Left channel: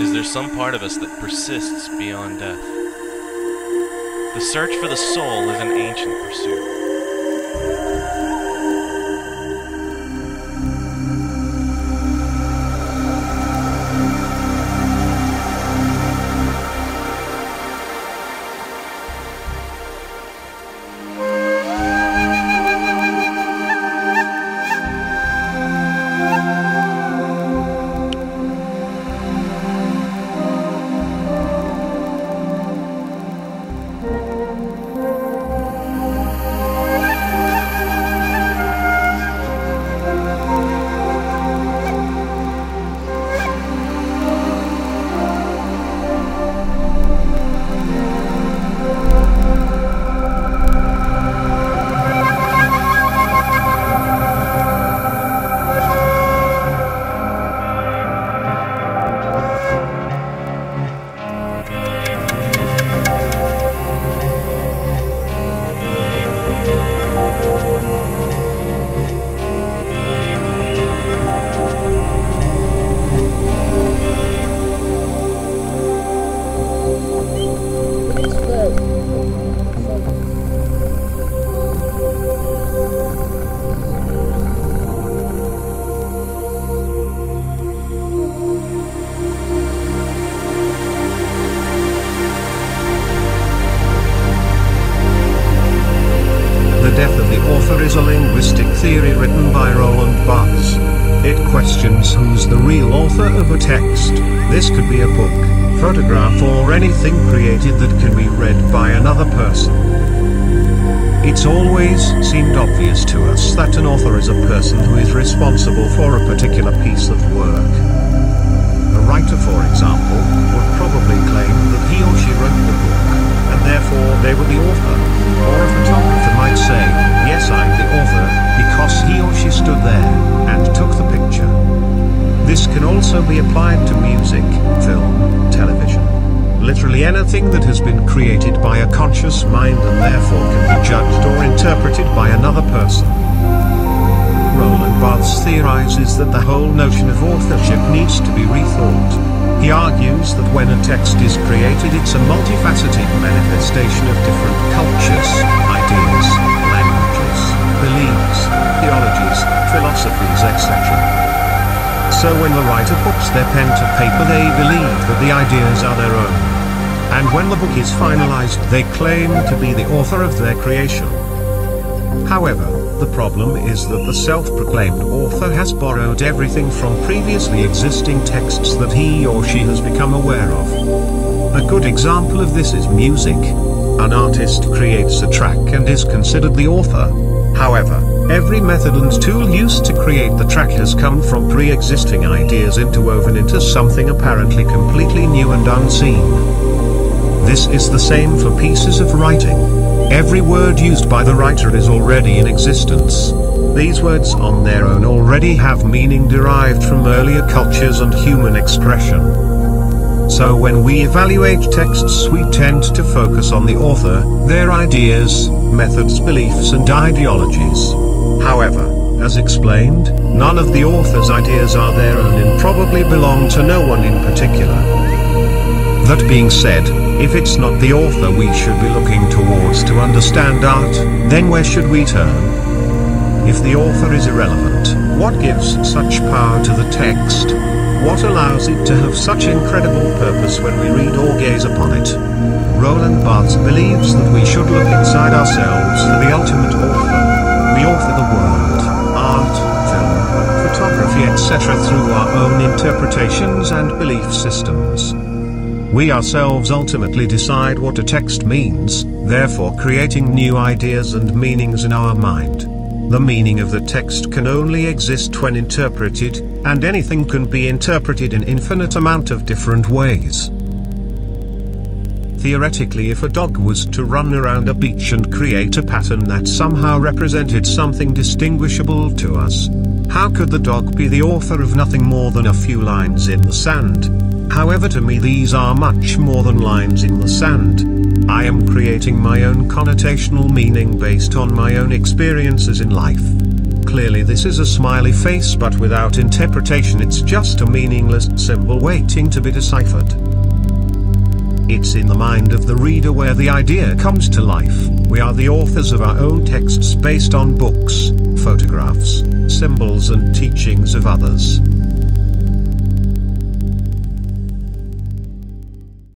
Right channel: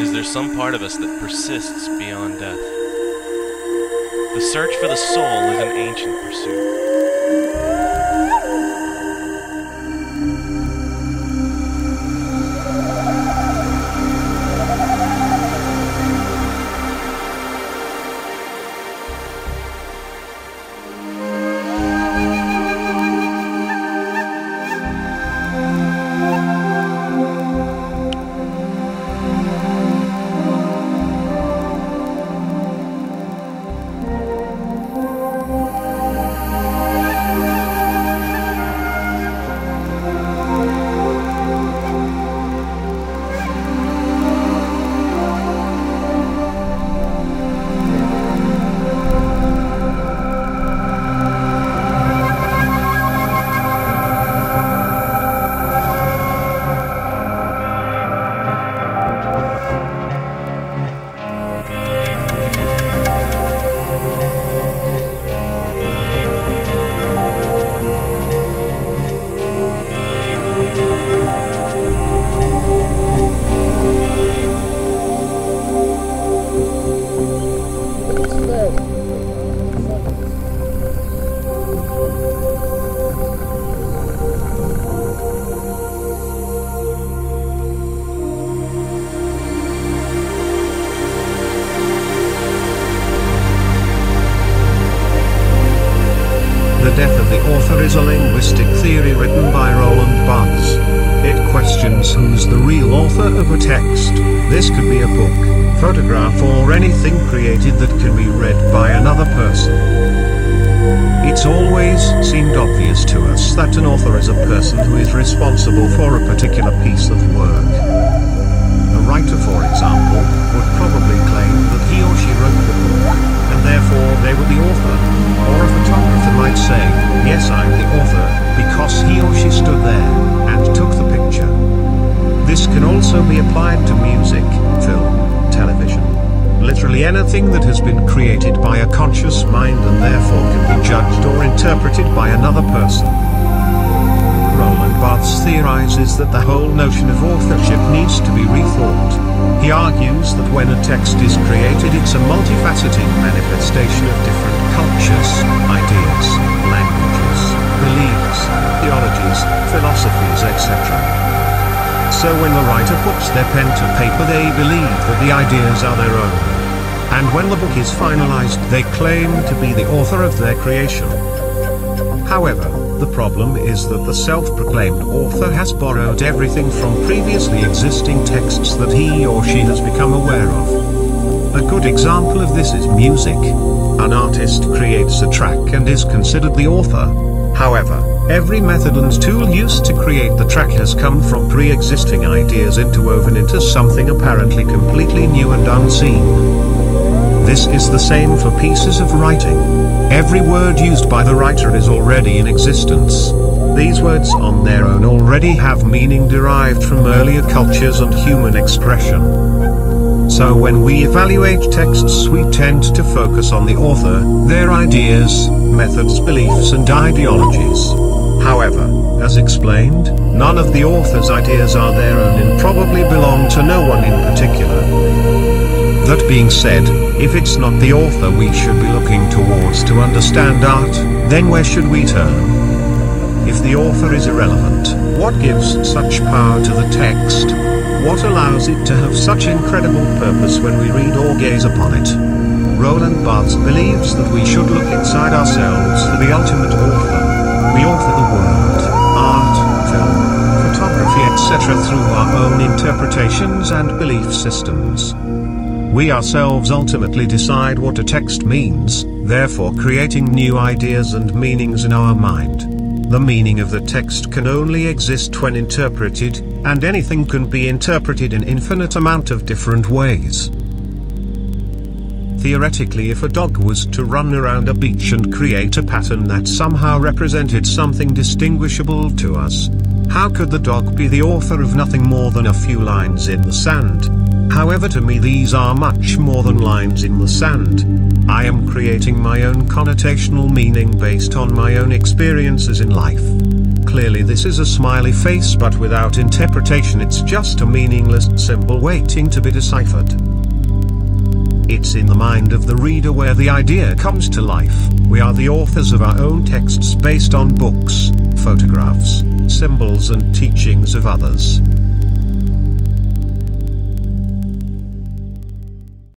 Is there some part of us that persists beyond death? The search for the soul is an ancient pursuit. The death of the author is a linguistic theory written by Roland Barthes. It questions who's the real author of a text. This could be a book, photograph, or anything created that can be read by another person. It's always seemed obvious to us that an author is a person who is responsible for a particular piece of work. A writer, for example, would probably claim that he or she wrote the book, and therefore they were the author. Or a photographer might say, yes, I'm the author, because he or she stood there and took the picture. This can also be applied to music, film, television. Literally anything that has been created by a conscious mind and therefore can be judged or interpreted by another person. Roland Barthes theorizes that the whole notion of authorship needs to be rethought. He argues that when a text is created, it's a multifaceted manifestation of different cultures, ideas, languages, beliefs, theologies, philosophies, etc. So when the writer puts their pen to paper, they believe that the ideas are their own. And when the book is finalized, they claim to be the author of their creation. However, the problem is that the self-proclaimed author has borrowed everything from previously existing texts that he or she has become aware of. A good example of this is music. An artist creates a track and is considered the author. However, every method and tool used to create the track has come from pre-existing ideas interwoven into something apparently completely new and unseen. This is the same for pieces of writing. Every word used by the writer is already in existence. These words on their own already have meaning derived from earlier cultures and human expression. So when we evaluate texts, we tend to focus on the author, their ideas, methods, beliefs, and ideologies. However, as explained, none of the author's ideas are their own and probably belong to no one in particular. That being said, if it's not the author we should be looking towards to understand art, then where should we turn? If the author is irrelevant, what gives such power to the text? What allows it to have such incredible purpose when we read or gaze upon it? Roland Barthes believes that we should look inside ourselves for the ultimate author. We author the world, art, film, photography, etc. through our own interpretations and belief systems. We ourselves ultimately decide what a text means, therefore creating new ideas and meanings in our mind. The meaning of the text can only exist when interpreted, and anything can be interpreted in infinite amount of different ways. Theoretically, if a dog was to run around a beach and create a pattern that somehow represented something distinguishable to us, how could the dog be the author of nothing more than a few lines in the sand? However, to me these are much more than lines in the sand. I am creating my own connotational meaning based on my own experiences in life. Clearly this is a smiley face, but without interpretation it's just a meaningless symbol waiting to be deciphered. It's in the mind of the reader where the idea comes to life. We are the authors of our own texts based on books, photographs, symbols and teachings of others.